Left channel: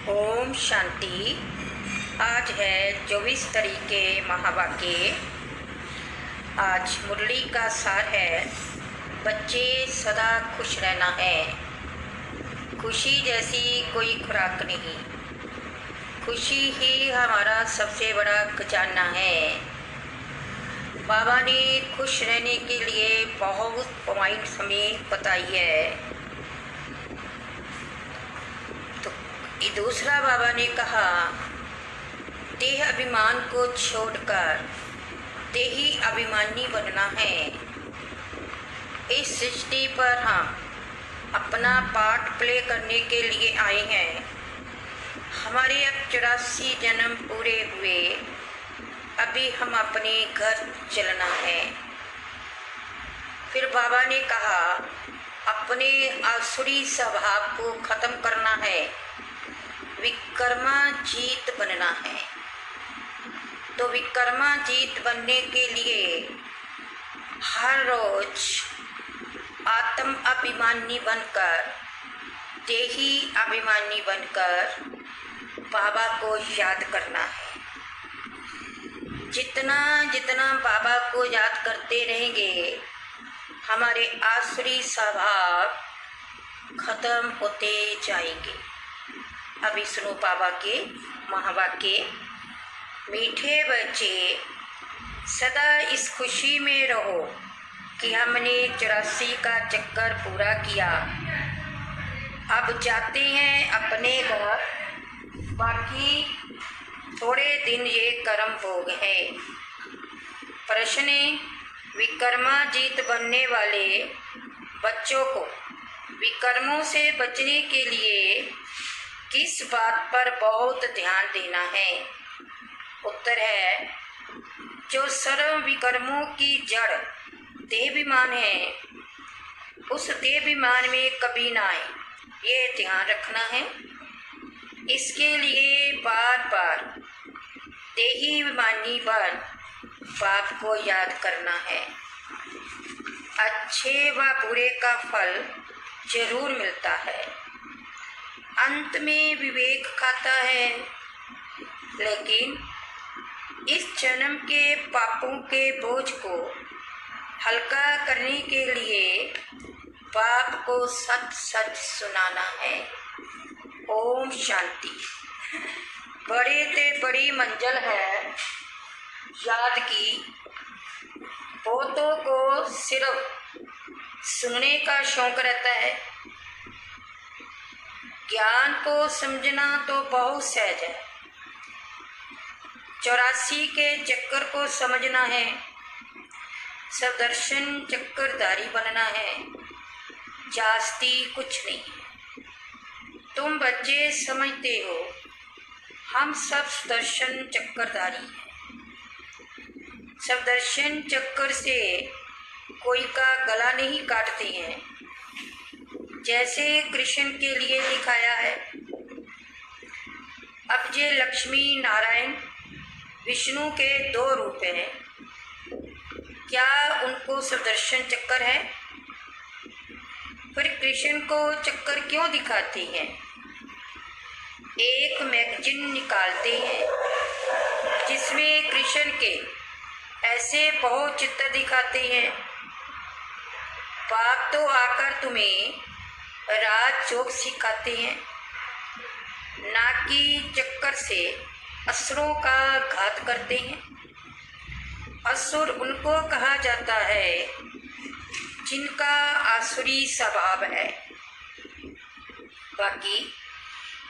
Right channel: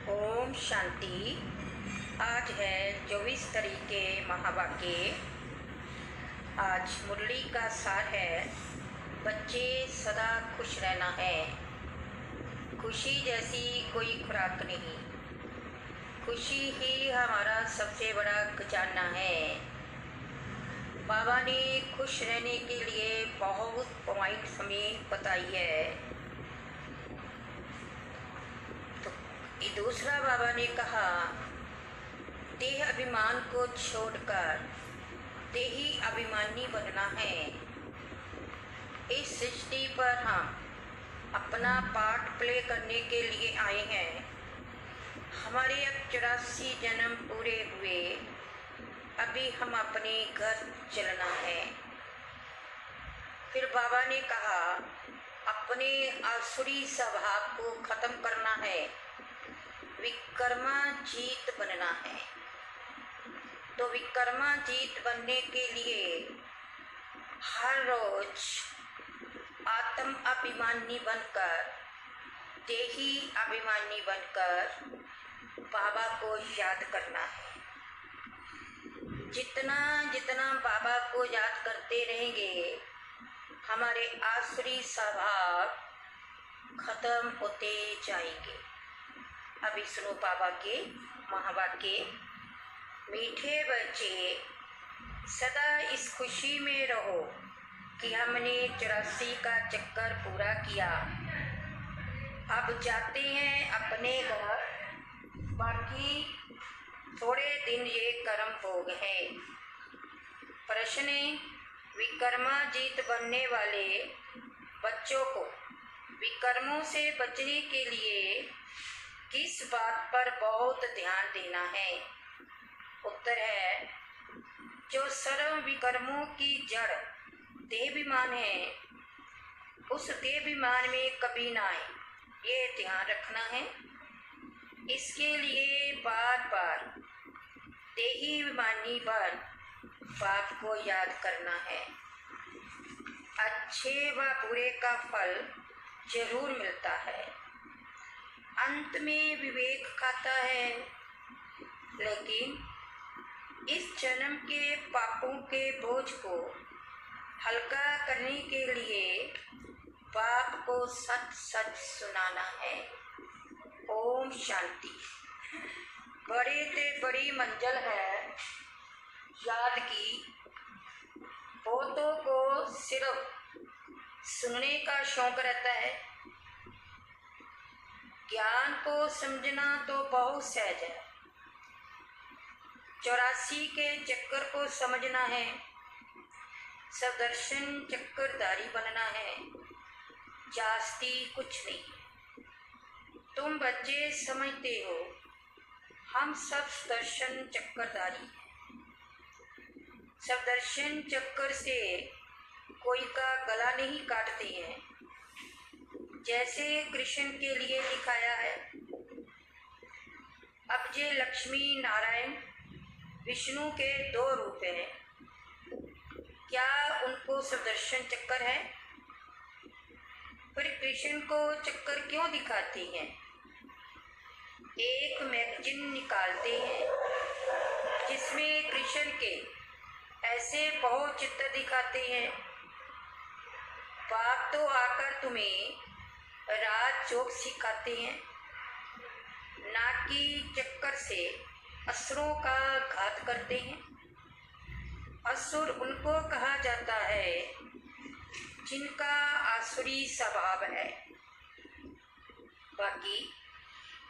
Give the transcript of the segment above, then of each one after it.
ओम शांति। आज है 24 तारीख के महावाक्य। आज मुरली का सार है, बच्चे सदा खुश रहना है। खुशी जैसी कोई खुराक नहीं, खुशी ही हमारा सबसे बड़ा खजाना है। बाबा ने खुश रहने के लिए बहुत पॉइंट्स हमें बताई है। तो दूसरा बाबा ने कहा, देह अभिमान को छोड़कर देही अभिमानी बनना है। इस सृष्टि पर हम अपना पार्ट प्ले करने के लिए आए हैं। हमारे अब 84 जन्म पूरे हुए, अभी हम अपने घर चलना है। फिर बाबा ने कहा, अपने आसुरी स्वभाव को ख़त्म करना है, विकर्मा जीत बनना है। तो विकर्मा जीत बनने के लिए हर रोज आत्म अभिमानी बनकर, देही अभिमानी बनकर बाबा को याद करना है। जितना जितना बाबा को याद करते रहेंगे, हमारे आसुरी स्वभाव खत्म होते जाएंगे। अभी सुनो बाबा के महावाक्य। मीठे बच्चे, सदा इस खुशी में रहो कि हमने 84 का चक्कर पूरा किया। अब जाते हैं अपने घर, बाकी थोड़े दिन ये कर्म भोग है। प्रश्न, विकर्मा जीत बनने वाले बच्चों को विकर्मों से बचने के लिए किस बात पर बहुत ध्यान देना है? उत्तर है, जो सर्व विकर्मों की जड़ देहाभिमान है, उस देहाभिमान में कभी ना आए, ये ध्यान रखना है। इसके लिए बार बार देहाभिमानी बन बाप को याद करना है। अच्छे व बुरे का फल जरूर मिलता है। अंत में विवेक खाता है, लेकिन इस जन्म के पापों के बोझ को हल्का करने के लिए बाप को सच सच सुनाना है। ओम शांति। बड़े से बड़ी मंजिल है याद की। बहुतों को सिर्फ सुनने का शौक रहता है। ज्ञान को समझना तो बहुत सहज है। 84 के चक्कर को समझना है, सदर्शन चक्करधारी बनना है, जास्ती कुछ नहीं। तुम बच्चे समझते हो, हम सब सदर्शन चक्करधारी हैं। सदर्शन चक्कर से कोई का गला नहीं काटते हैं, जैसे कृष्ण के लिए दिखाया है। अब ये लक्ष्मी नारायण विष्णु के 2 रूप हैं, क्या उनको सुदर्शन चक्कर है? फिर कृष्ण को चक्कर क्यों दिखाते हैं? एक मैगजीन निकालते हैं जिसमें कृष्ण के ऐसे बहुत चित्र दिखाते हैं। बाप तो आकर तुम्हें राज योग सिखाते हैं, ना कि चक्कर से असुरों का घात करते हैं। असुर उनको कहा जाता है जिनका आसुरी स्वभाव है। बाकी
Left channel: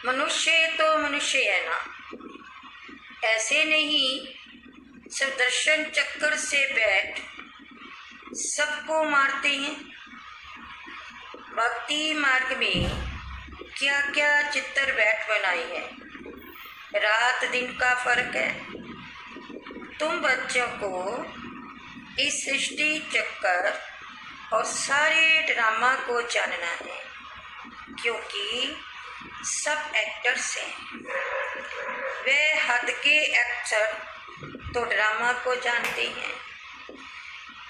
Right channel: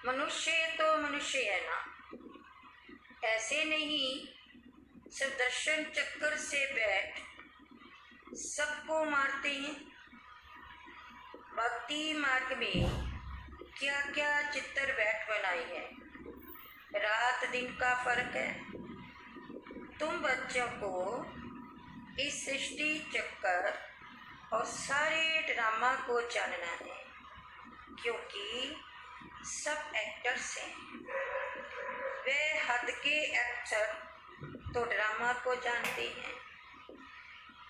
मनुष्य तो मनुष्य है ना, ऐसे नहीं सुदर्शन चक्कर से बैठ सबको मारते हैं। भक्ति मार्ग में क्या क्या चित्तर बैठ बनाए हैं, रात दिन का फर्क है। तुम बच्चों को इस सृष्टि चक्कर और सारे ड्रामा को जानना है, क्योंकि सब एक्टर्स हैं। वे हद के एक्टर तो ड्रामा को जानते हैं।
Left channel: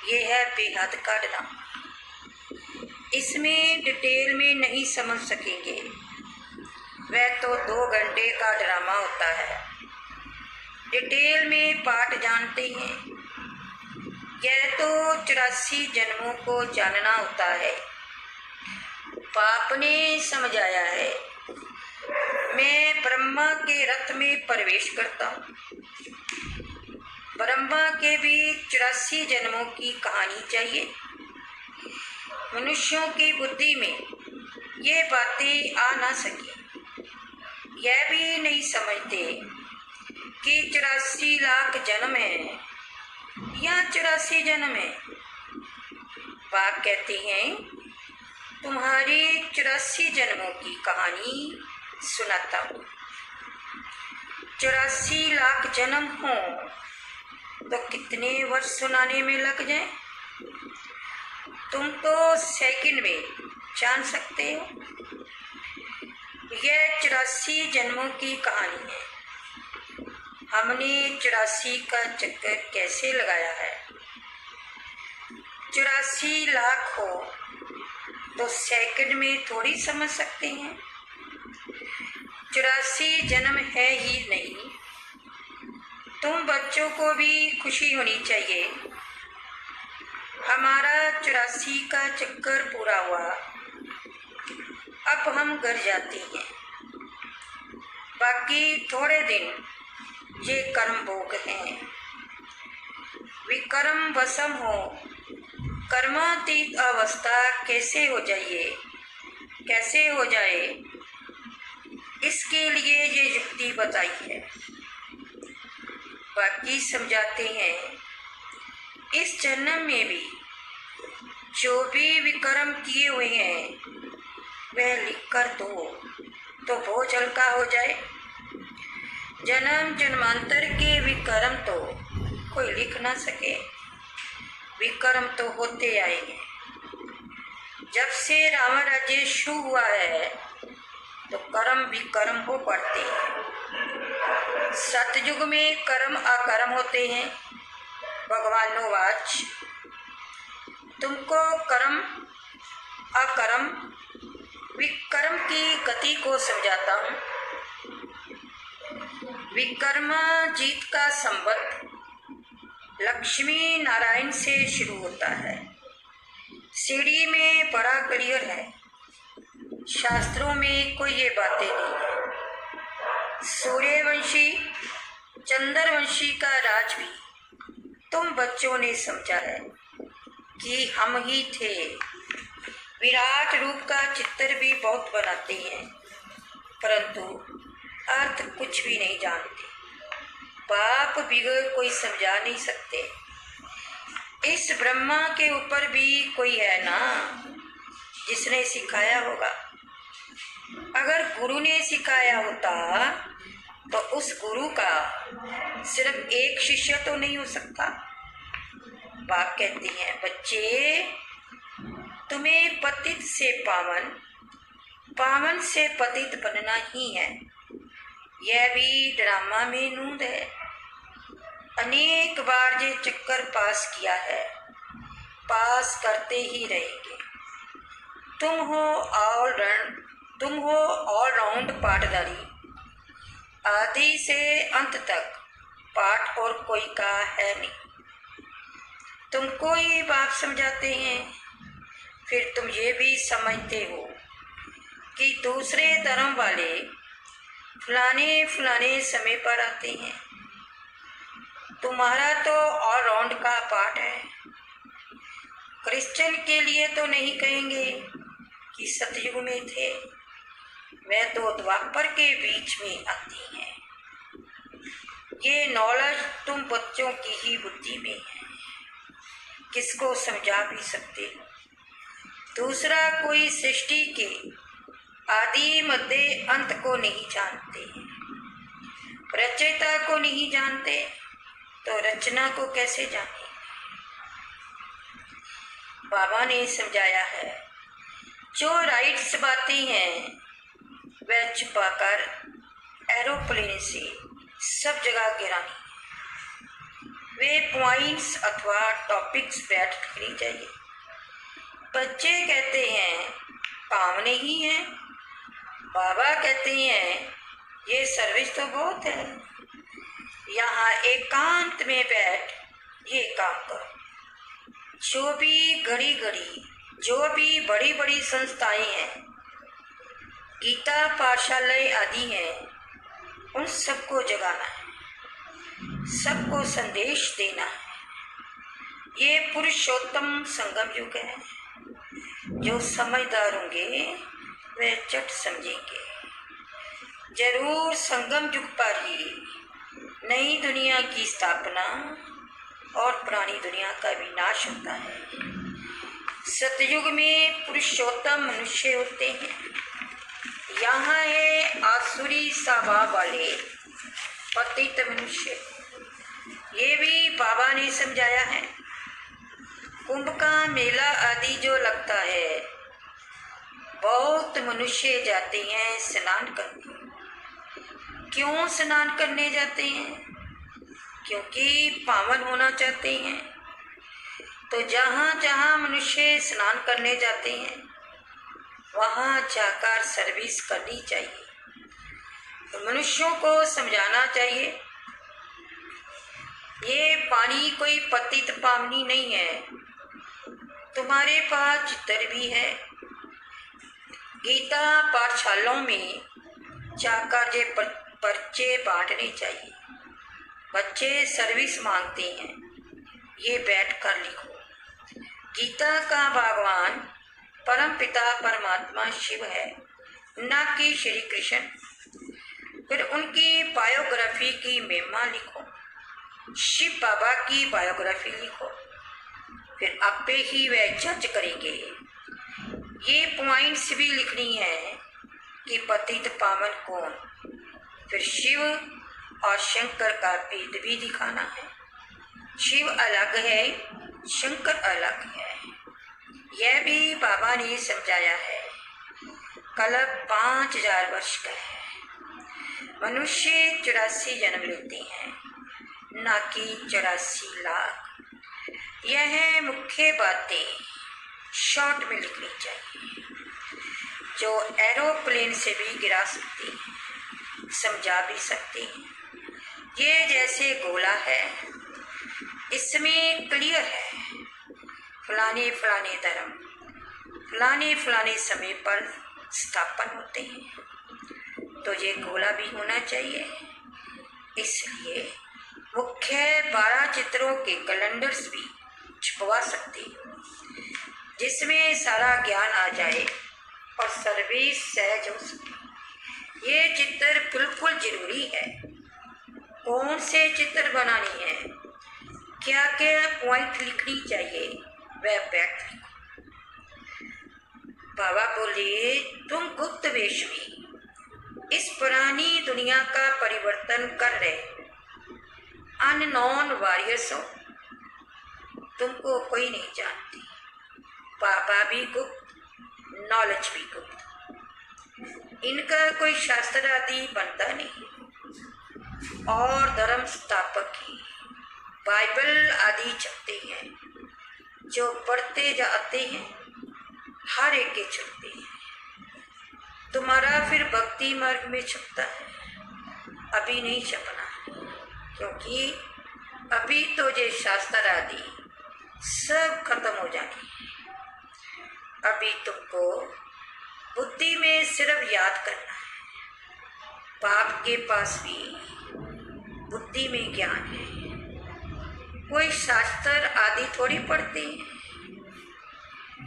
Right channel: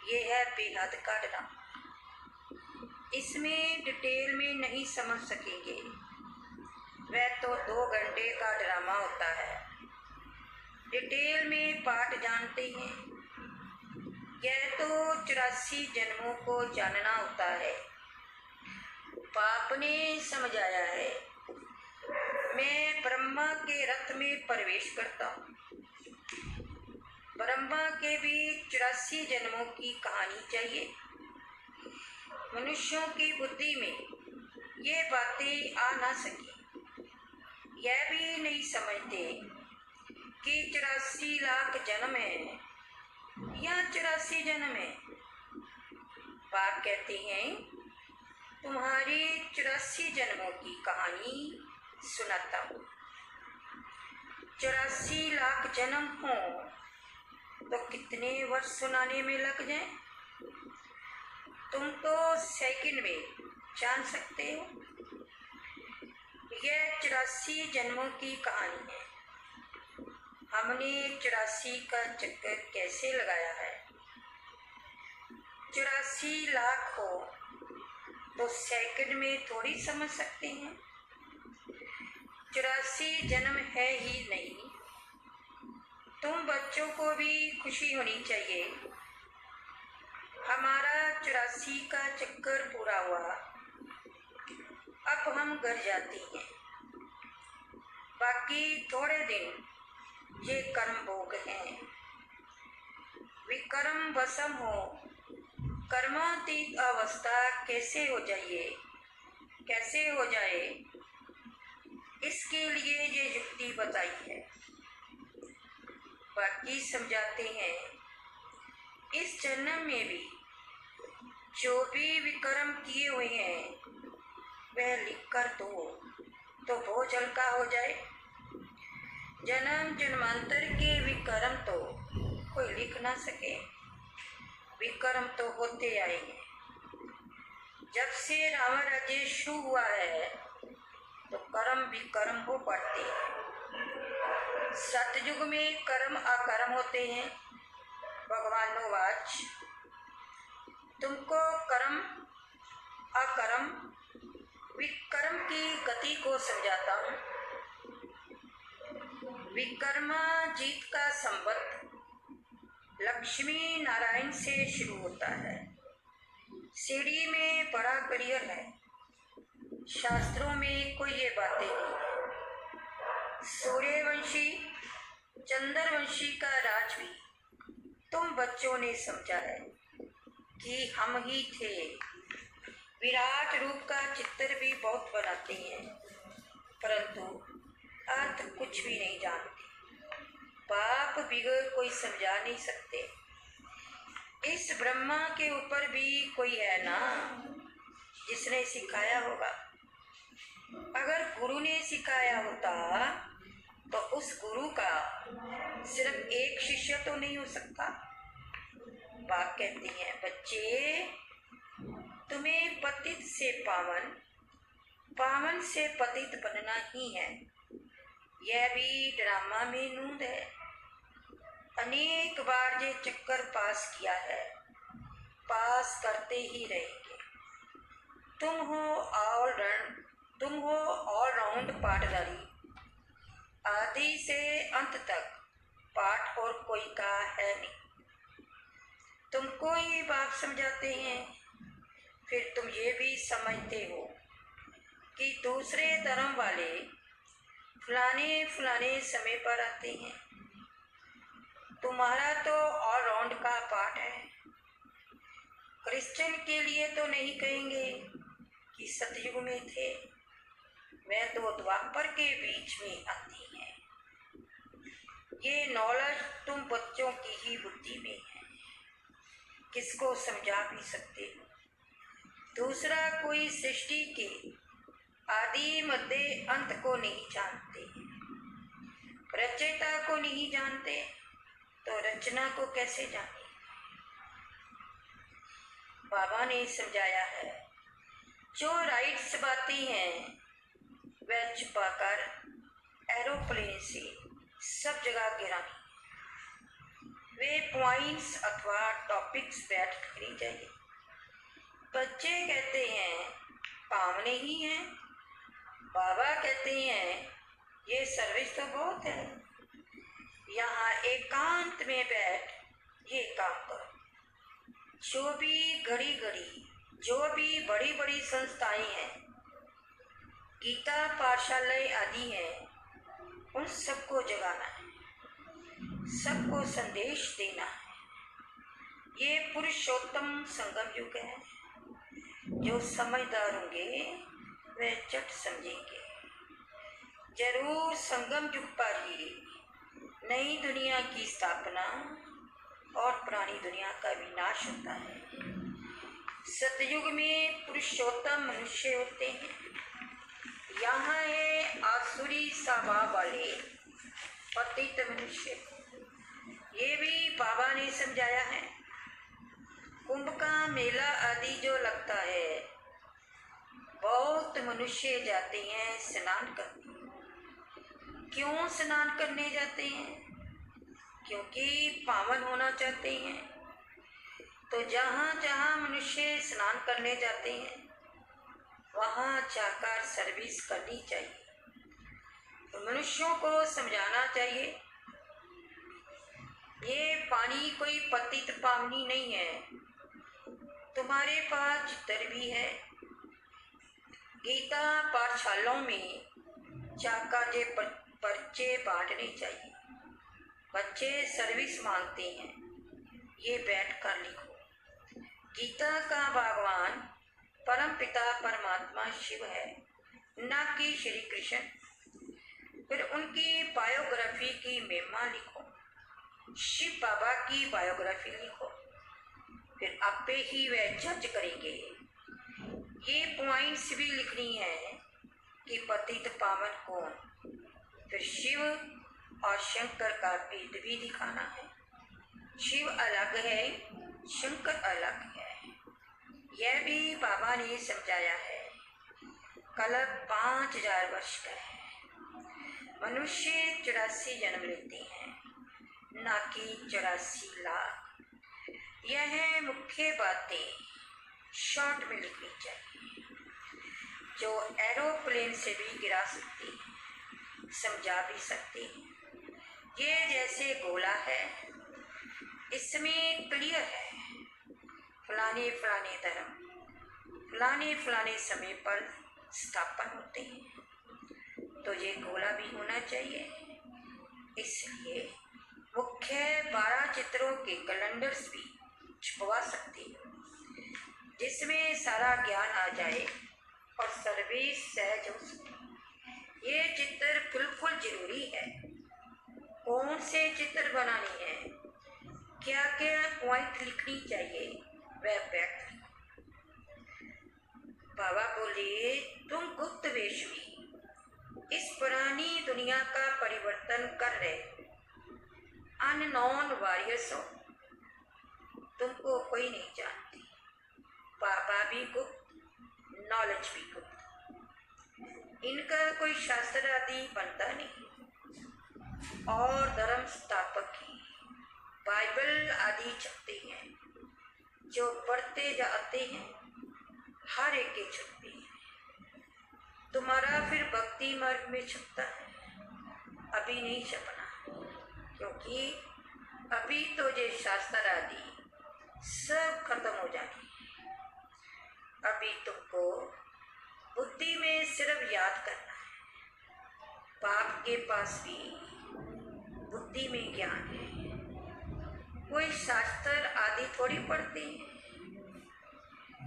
ये है बेहद का ड्रामा, इसमें डिटेल में नहीं समझ सकेंगे। वह तो 2 घंटे का ड्रामा होता है। डिटेल में पाठ जानते हैं। यह तो 84 जन्मों को जानना होता है। बाप ने समझाया है। मैं ब्रह्मा के रथ में प्रवेश करता हूँ। ब्रह्मा के भी 84 जन्मों की कहानी चाहिए। मनुष्यों की बुद्धि में ये बातें आ ना सके। यह भी नहीं समझते कि 84 लाख जन्म है या 84 जन्म है। बाप कहते हैं तुम्हारी 84 जन्मों की कहानी सुनाता हूँ। 84 लाख जन्म हो तो कितने वर्ष सुनाने में लग जाए तुम तो सेकंड में जान सकते हो। यह 84 जन्मों की कहानी है। हमने 84 का चक्कर कैसे लगाया है। 84 लाख हो तो सेकंड में थोड़ी समझ सकते हैं। 84 जन्म है ही नहीं। तुम बच्चों को भी खुशी होनी चाहिए। हमारा 84 का चक्कर पूरा हुआ। अब हम घर जाते हैं। बाकी थोड़े दिन ये कर्म भोग हैं। विकर्म वसम हो कर्मातीत अवस्था कैसे हो जाए इसके लिए ये युक्ति बताई है। बाकी समझाते हैं इस जन्म में भी जो भी विकर्म किए हुए हैं वह लिख कर दो तो बोझ हल्का हो जाए। जन्म जन्मांतर के विकर्म तो कोई लिख ना सके। विकर्म तो होते आएंगे। जब से रावण राज्य शुरू हुआ है तो कर्म विकर्म हो पड़ते हैं। सतयुग में कर्म अकर्म होते हैं। भगवानोवाच तुमको कर्म अकर्म विकर्म की गति को समझाता हूँ। विकर्माजीत का संबंध लक्ष्मी नारायण से शुरू होता है। सीढ़ी में बड़ा क्लियर है। शास्त्रों में कोई ये बातें नहीं है। सूर्यवंशी चंद्रवंशी का राज भी तुम बच्चों ने समझा है कि हम ही थे। विराट रूप का चित्र भी बहुत बनाते हैं परंतु अर्थ कुछ भी नहीं जानते। बाप बिगड़ कोई समझा नहीं सकते। इस ब्रह्मा के ऊपर भी कोई है ना जिसने सिखाया होगा। अगर गुरु ने सिखाया होता तो उस गुरु का सिर्फ एक शिष्य तो नहीं हो सकता। बाप कहती हैं बच्चे तुम्हें पतित से पावन पावन से पतित बनना ही है। यह भी ड्रामा में नूंद है। अनेक बार ये चक्कर पास किया है। पास करते ही रहेंगे। तुम हो ऑल राउंड पाठधारी। आदि से अंत तक पाठ और कोई का है नहीं। तुमको ही बाप समझाते हैं। फिर तुम ये भी समझते हो कि दूसरे धर्म वाले फलाने समय पर आते हैं। तुम्हारा तो ऑल राउंड का पाठ है। क्रिश्चियन के लिए तो नहीं कहेंगे कि सतयुग में थे। वह तो द्वापर के बीच में आती हैं। ये नॉलेज तुम बच्चों की ही बुद्धि में है। किसको समझा भी सकते हो। दूसरा कोई सृष्टि के आदि मध्य अंत को नहीं जानते। रचयिता को नहीं जानते तो रचना को कैसे जाने। बाबा ने समझाया है जो राइट्स बातें हैं वह छुपाकर एरोप्लेन से सब जगह गिरानी। वे पॉइंट्स अथवा टॉपिक्स बैठनी चाहिए। बच्चे कहते हैं काम नहीं है बाबा कहते हैं ये सर्विस तो बहुत है, यहाँ एकांत में बैठ ये काम करो। जो भी घड़ी घड़ी जो भी बड़ी बड़ी संस्थाएं हैं, गीता पाठशालाएं आदि हैं, उन सबको जगाना है, सबको संदेश देना है। ये पुरुषोत्तम संगम युग है। जो समझदार होंगे वे चट समझेंगे। जरूर संगम युग पर ही नई दुनिया की स्थापना और पुरानी दुनिया का विनाश होता है। सतयुग में पुरुषोत्तम मनुष्य होते हैं। यहाँ है आसुरी स्वभाव वाले पतित मनुष्य। ये भी बाबा ने समझाया है। कुंभ का मेला आदि जो लगता है, बहुत मनुष्य जाते हैं स्नान करने। क्यों स्नान करने जाते हैं? क्योंकि पावन होना चाहते हैं। तो जहाँ जहाँ मनुष्य स्नान करने जाते हैं, वहाँ जाकर सर्विस करनी चाहिए। तो मनुष्यों को समझाना चाहिए, ये पानी कोई पतित पावनी नहीं है। तुम्हारे पास चित्र भी है। गीता पाठशालाओं में जाकर ये पर्चे बांटने चाहिए। बच्चे सर्विस मांगते हैं, ये बैठकर लिखो। गीता का भगवान परम पिता परमात्मा शिव है, न कि श्री कृष्ण। फिर उनकी बायोग्राफी की महिमा लिखो। शिव बाबा की बायोग्राफी लिखो। फिर आपे ही वह जज करेंगे। ये पॉइंट्स भी लिखनी है कि पतित पावन कौन। फिर शिव और शंकर का भेद भी दिखाना है। शिव अलग है, शंकर अलग है। यह भी बाबा ने समझाया है। कल्प 5000 वर्ष का है। मनुष्य 84 जन्म लेते हैं, न कि 84 लाख। यह मुख्य बातें शॉर्ट में लिखनी चाहिए, जो एरोप्लेन से भी गिरा सकती हैं, समझा भी सकती हैं। ये जैसे गोला है, इसमें क्लियर है फलाने फलाने धर्म फलाने फलाने समय पर स्थापन होते हैं। तो ये गोला भी होना चाहिए। इसलिए मुख्य 12 चित्रों के कैलेंडर्स भी छपवा सकते हैं, जिसमें सारा ज्ञान आ जाए और सर्विस सहज हो सके। ये चित्र बिल्कुल जरूरी है। कौन से चित्र बनानी है, क्या क्या पॉइंट लिखनी चाहिए, वह बैठ लिखो। बाबा बोले, तुम गुप्त वेश में इस पुरानी दुनिया का परिवर्तन कर रहे अननोन वॉरियर्स हो। तुमको कोई नहीं जानती। बाबा भी गुप्त, नॉलेज भी गुप्त। इनका कोई शास्त्र आदि बनता नहीं। और धर्म स्थापक ही बाइबल आदि छपते हैं, जो पढ़ते जाते हैं, हर एक के छपते हैं। तुम्हारा फिर भक्ति मार्ग में छपता है, अभी नहीं छपना, क्योंकि अभी तो ये शास्त्र आदि सब खत्म हो जाएंगे। अभी तुमको बुद्धि में सिर्फ याद करना है। बाप के पास भी बुद्धि में ज्ञान है। कोई शास्त्र आदि थोड़ी पढ़ते हैं,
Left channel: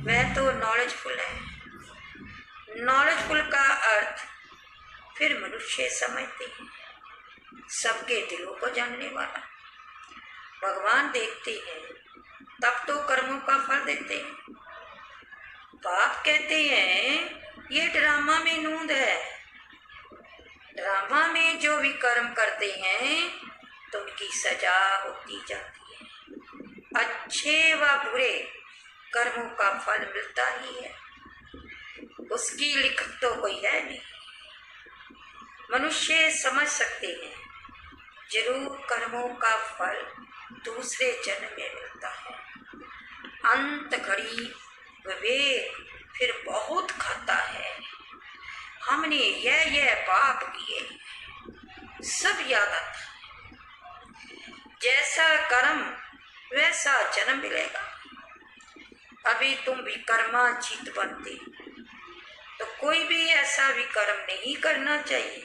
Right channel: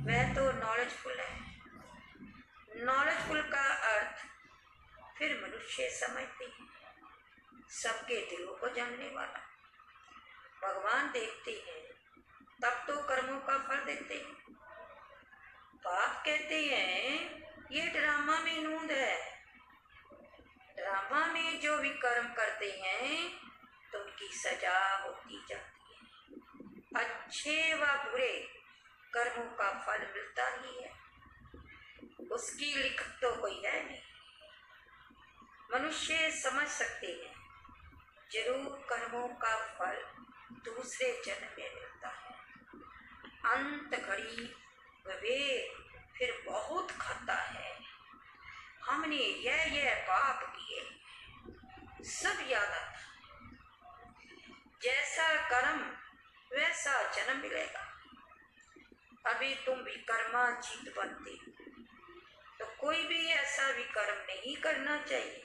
वह तो नॉलेजफुल है। नॉलेजफुल का अर्थ फिर मनुष्य समझते हैं, सबके दिलों को जानने वाला। भगवान देखते हैं, तब तो कर्मों का फल देते हैं। बाप कहते हैं ये ड्रामा में नूंद है। ड्रामा में जो भी कर्म करते हैं तो उनकी सजा होती जाती है। अच्छे व बुरे कर्मों का फल मिलता ही है, उसकी लिखत तो कोई है नहीं। मनुष्य समझ सकते हैं, जरूर कर्मों का फल दूसरे जन्म में मिलता है। अंत घड़ी विवेक फिर बहुत खाता है। हमने यह पाप किए, सब याद आता। जैसा कर्म वैसा जन्म मिलेगा। अभी तुम विकर्माजीत बनते तो कोई भी ऐसा विकर्म नहीं करना चाहिए।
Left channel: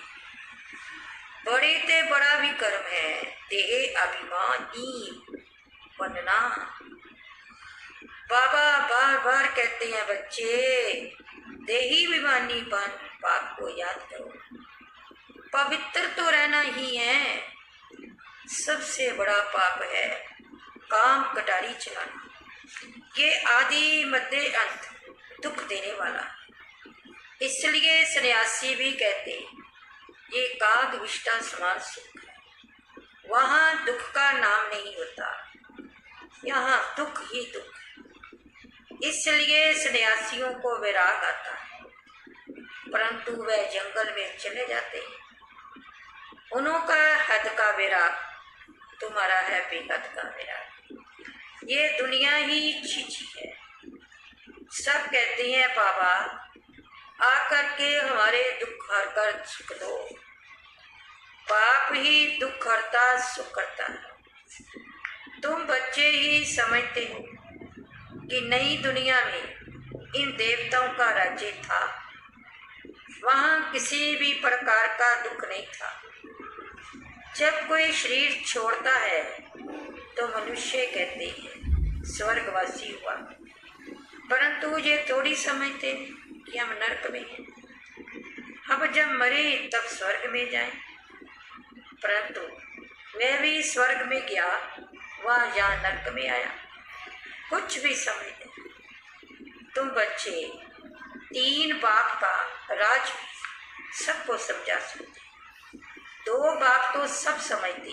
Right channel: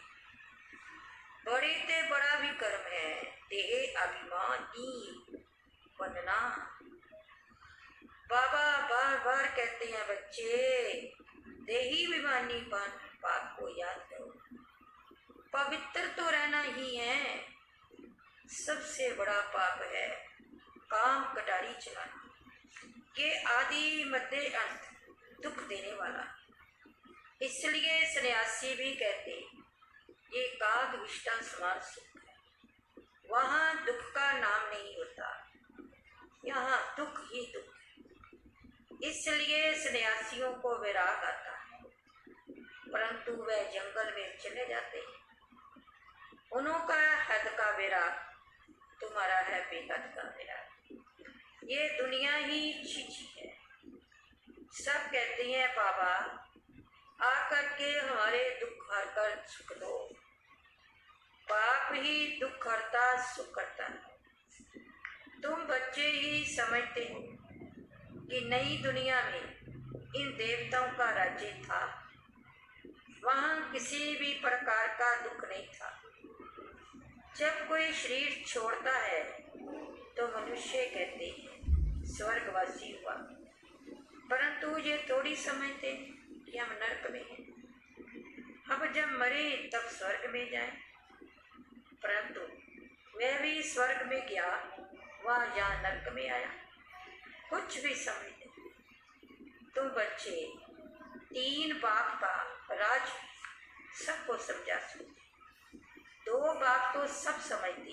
बड़े ते बड़ा विकर्म है देह अभिमानी बनना। बाबा बार बार कहते हैं बच्चे देही अभिमानी बन, पाप को याद करो। पवित्र तो रहना ही है। सबसे बड़ा पाप है काम कटारी चलाना। ये आदि मध्य अंत दुख देने वाला। इसलिए सन्यासी भी कहते ये काग विष्टा समान सुख है। वहाँ दुख का नाम नहीं होता, यहाँ दुख ही दुख। इसलिए सन्यासियों को वैराग आता है, परंतु वह जंगल में चले जाते हैं। उनका हद का वैराग, तुम्हारा है बेहद का वैराग। ये दुनिया ही चीची है। सब कहते हैं बाबा आकर के हमारे दुख हर कर सुख दो। पाप ही दुख हरता सुख करता है। तुम बच्चे ही समझते हो कि नई दुनिया में इन देवताओं का राज्य था। वहाँ किसी भी प्रकार का दुख नहीं था। जब कोई शरीर छोड़ता है तो मनुष्य कहते हैं स्वर्गवासी हुआ, परंतु ये थोड़ी समझते कि हम नरक में हैं। अब जब मरे तब स्वर्ग में जाएं, परंतु वह भी स्वर्ग में गया, वह यहाँ नरक में आया। कुछ भी समझते। तुम बच्चे तीन बाप का राज सबको समझा सकते। दो बाप तो सब समझते,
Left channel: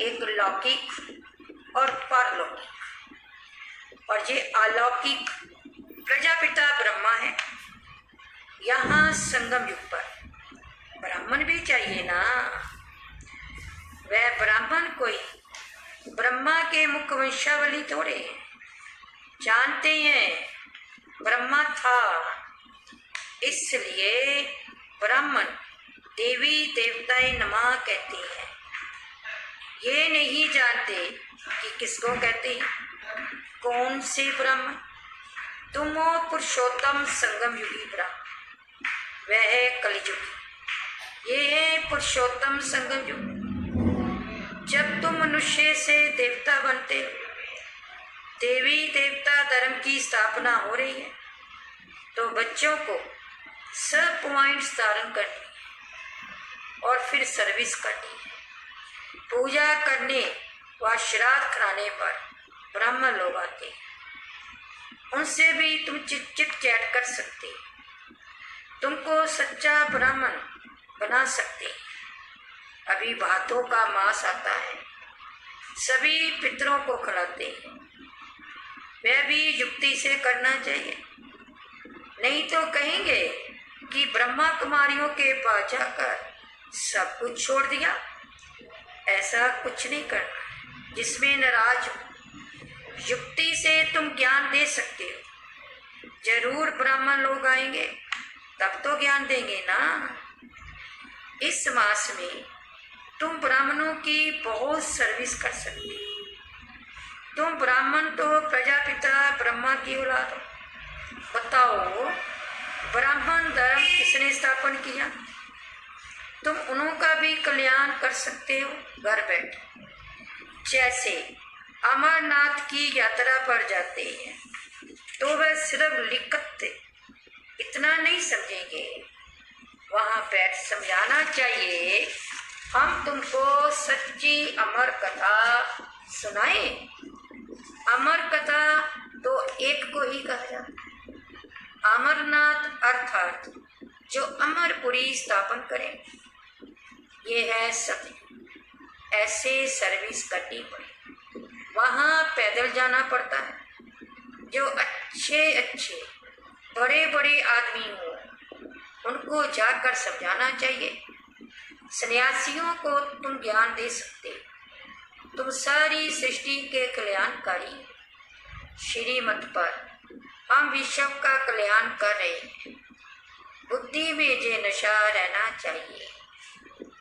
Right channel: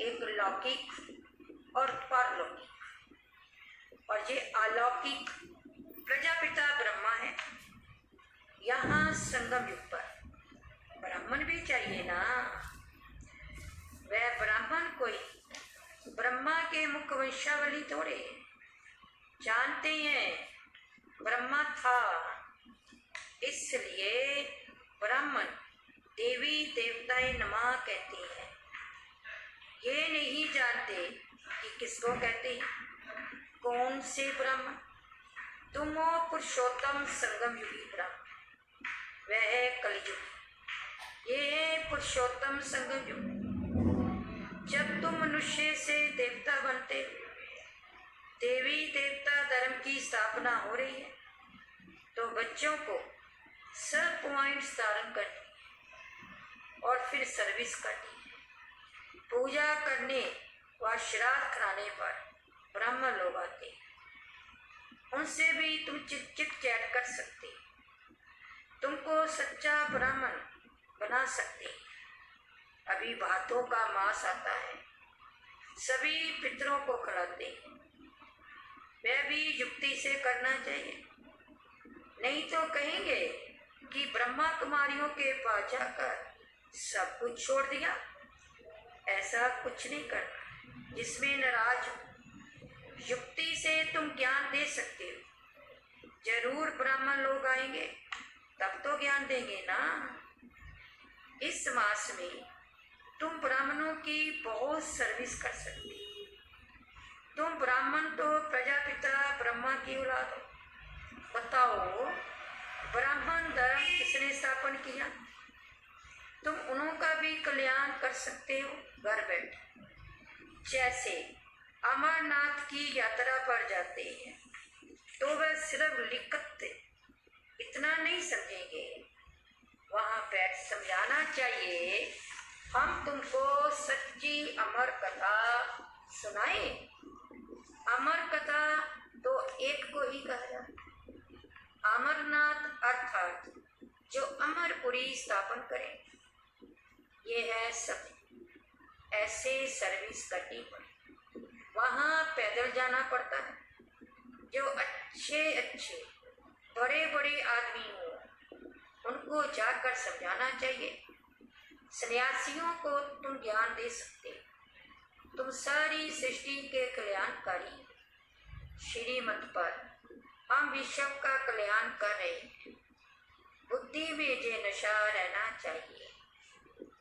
एक लौकिक और परलौकिक। और ये अलौकिक प्रजापिता ब्रह्मा है। यहाँ संगम युग पर ब्राह्मण भी चाहिए ना। वह ब्राह्मण कोई ब्रह्मा के मुख वंशावली थोड़े जानते हैं। ब्रह्मा था, इसलिए ब्राह्मण देवी देवताएं नमः कहते हैं। ये नहीं जानते कि किसको कहते हैं, कौन से ब्रह्म। तुम हो पुरुषोत्तम संगम युगी ब्रह्म, वह है कलियुग। ये है पुरुषोत्तम संगम युग। जब तुम मनुष्य से देवता बनते हो, देवी देवता धर्म की स्थापना हो रही है, तो बच्चों को सब पॉइंट्स धारण करनी है और फिर सर्विस करनी है। पूजा करने व श्राद्ध कराने पर ब्राह्मण लोग आते हैं, उनसे भी तुम चिट चैट कर सकते, तुमको सच्चा ब्राह्मण बना सकते। अभी भातों का मांस आता है, सभी पितरों को खिलाते हैं। वह भी युक्ति से करना चाहिए, नहीं तो कहेंगे कि ब्रह्मा कुमारियों के पास जाकर सब कुछ छोड़ दिया। ऐसा कुछ नहीं करना जिसमें नाराज हो। युक्ति से तुम ज्ञान दे सकते हो। जरूर ब्राह्मण लोग आएंगे तब तो ज्ञान देंगे ना। इस मास में तुम ब्राह्मणों की बहुत सर्विस कर सकते हो। तुम ब्राह्मण तो प्रजापिता ब्रह्मा की औलाद हो। बताओ ब्राह्मण धर्म किसने स्थापन किया? तुम उनका भी कल्याण कर सकते हो घर बैठे। जैसे अमरनाथ की यात्रा पर जाते हैं तो वह सिर्फ लिखत इतना नहीं समझेंगे, वहाँ बैठ समझाना चाहिए। हम तुमको सच्ची अमर कथा सुनाए। अमर कथा तो एक को ही कहा जाता है, अमरनाथ अर्थात जो अमरपुरी स्थापन करे। ये है सत्य। ऐसे सर्विस करनी पड़े। वहाँ पैदल जाना पड़ता है। जो अच्छे अच्छे बड़े बड़े आदमी हो उनको जाकर समझाना चाहिए। सन्यासियों को तुम ज्ञान दे सकते। तुम सारी सृष्टि के कल्याणकारी श्रीमत पर हम विश्व का कल्याण कर रहे हैं। बुद्धि में जे नशा रहना चाहिए।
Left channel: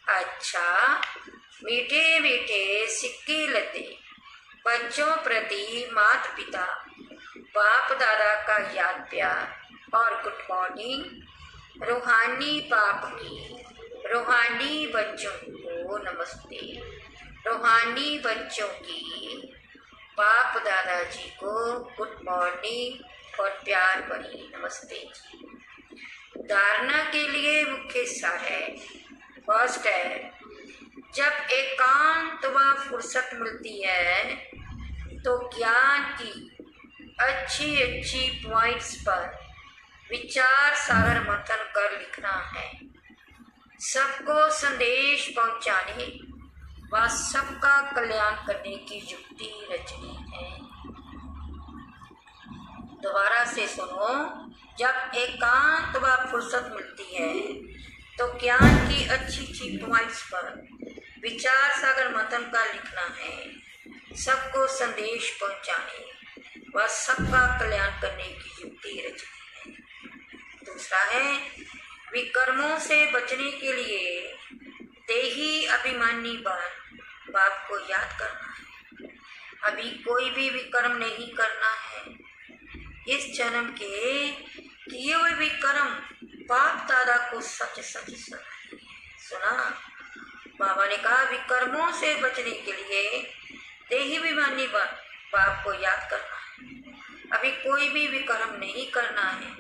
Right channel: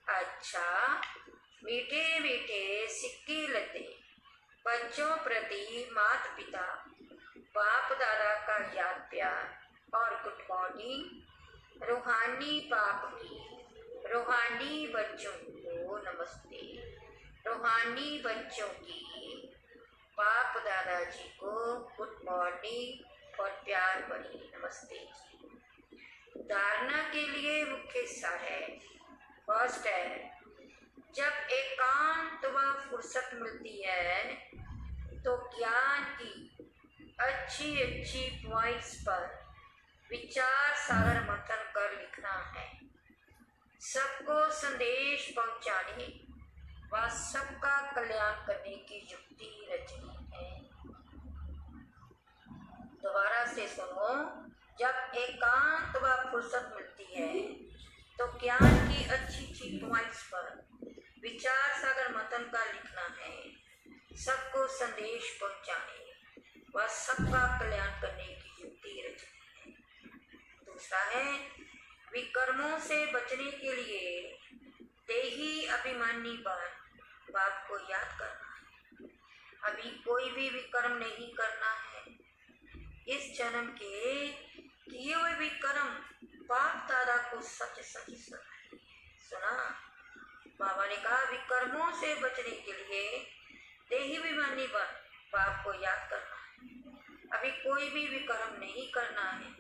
अच्छा, मीठे मीठे सिक्के लते बच्चों प्रति माता पिता बाप दादा का याद प्यार और गुड मॉर्निंग। रूहानी बाप की रूहानी बच्चों को नमस्ते। रूहानी बच्चों की बाप दादाजी को गुड मॉर्निंग और प्यार भरी नमस्ते जी। धारणा के लिए मुख्य सार है। फर्स्ट है, जब एकांत व फुर्सत मिलती है तो ज्ञान की अच्छी अच्छी पॉइंट्स पर विचार सागर मंथन कर लिखना है। सबको संदेश पहुंचाने व सबका कल्याण करने की युक्ति रचनी है। दोबारा से सुनो। जब एकांत व फुर्सत मिलती है तो ज्ञान की अच्छी अच्छी पॉइंट्स पर विचार सागर मंथन का लिखना है। सबको संदेश पहुंचाने व सबका कल्याण करने की युक्ति रचनी है। दूसरा है, विकर्मों से बचने के लिए देही अभिमानी बाप को याद करना है। अभी कोई भी विकर्म नहीं करना है। इस जन्म के किए हुए विकर्म बाप दादा को सच सच सुना। बाबा ने कहा विकर्मों से बचने के लिए देही अभिमानी बाप को याद करना है। अभी कोई भी विकर्म नहीं करना है।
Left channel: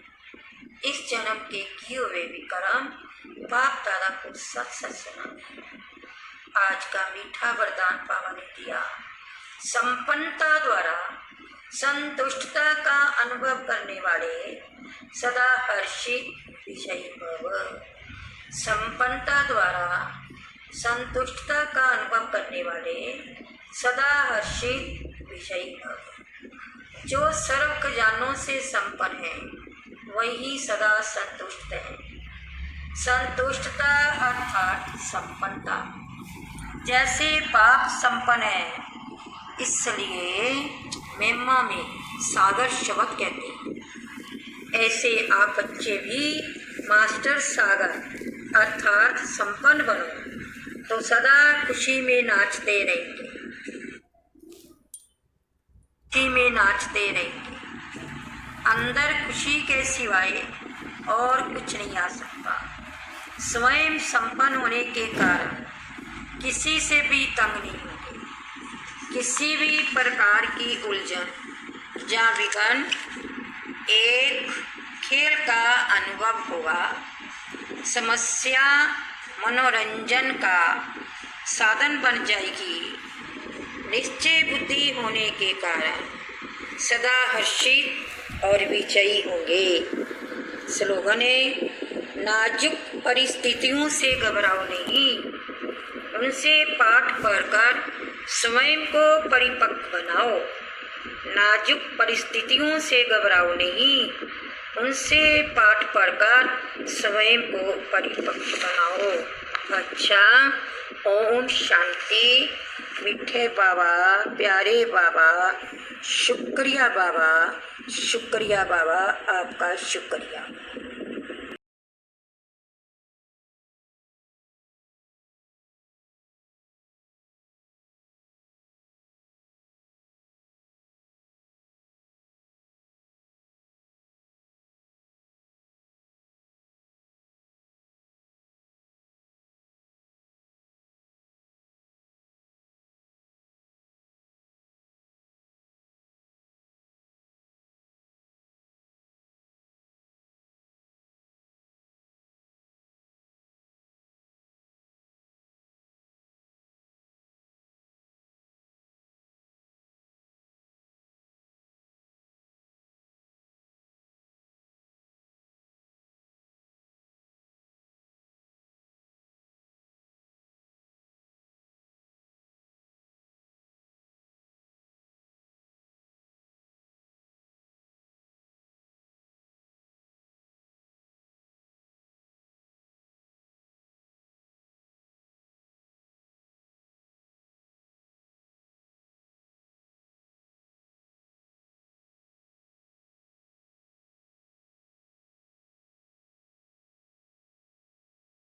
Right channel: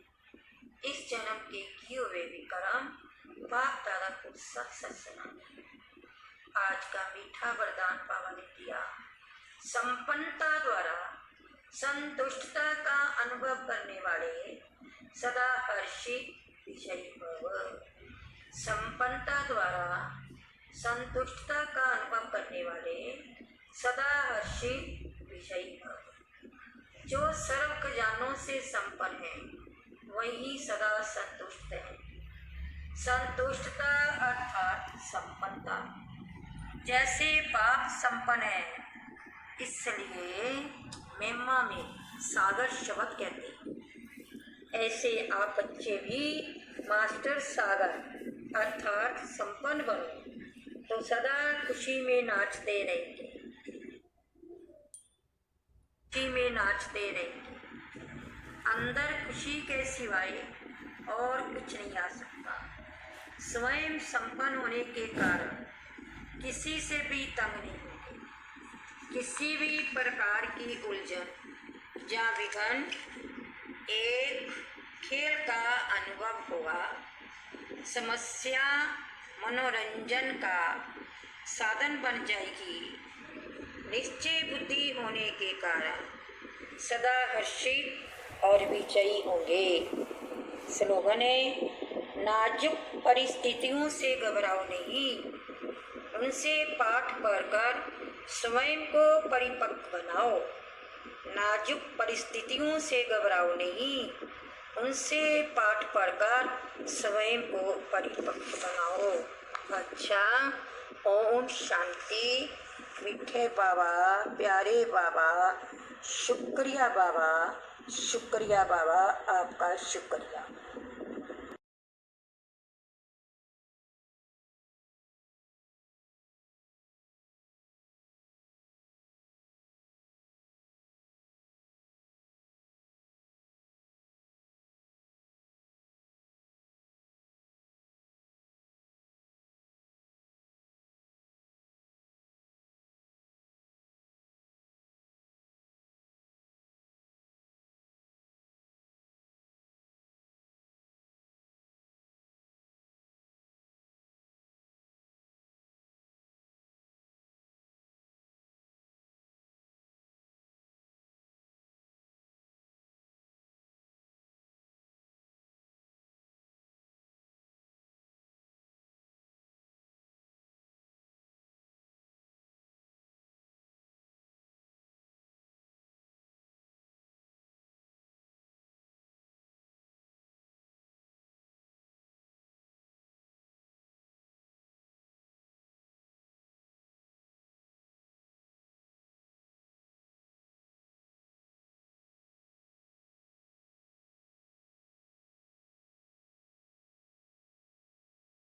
इस जन्म के किए हुए विकर्म बाप दादा को सच सच सुना। आज का मीठा वरदान बाबा ने दिया। संपन्नता द्वारा संतुष्टता का अनुभव करने वाले सदा हर्षित विजयी भव। संपन्नता द्वारा संतुष्टता का अनुभव करने वाले सदा हर्षित विजयी भव। जो सर्व खजानों से संपन्न है वही सदा संतुष्ट है। संतुष्टता अर्थात संपन्नता। जैसे बाप संपन्न है इसलिए मेम्मा में सागर शब्द कहते हैं। ऐसे आप बच्चे भी मास्टर सागर अर्थात संपन्न बनो तो सदा खुशी में नाचते रहेंगे। खुशी में नाचते रहेंगे। अंदर खुशी के सिवाय और कुछ नहीं आ सकता। स्वयं संपन्न होने के कारण किसी से भी तंग नहीं होंगे। किसी भी प्रकार की उलझन या विघ्न एक खेल का अनुभव होगा। समस्या मनोरंजन का साधन बन जाएगी। निश्चय बुद्धि होने के कारण सदा हर्षित और विजयी होंगे। स्लोगन है, नाजुक परिस्थितियों से घबराओ नहीं, उनसे पाठ पढ़कर स्वयं को परिपक्व बनाओ। नाजुक परिस्थितियों से घबराओ नहीं, उनसे पाठ पढ़कर स्वयं को परिपक्व बनाओ। अच्छा, ओम शांति। मीठे बाबा, प्यारे बाबा, शुक्रिया बाबा, शुक्रिया बाबा, आपका शुक्रिया।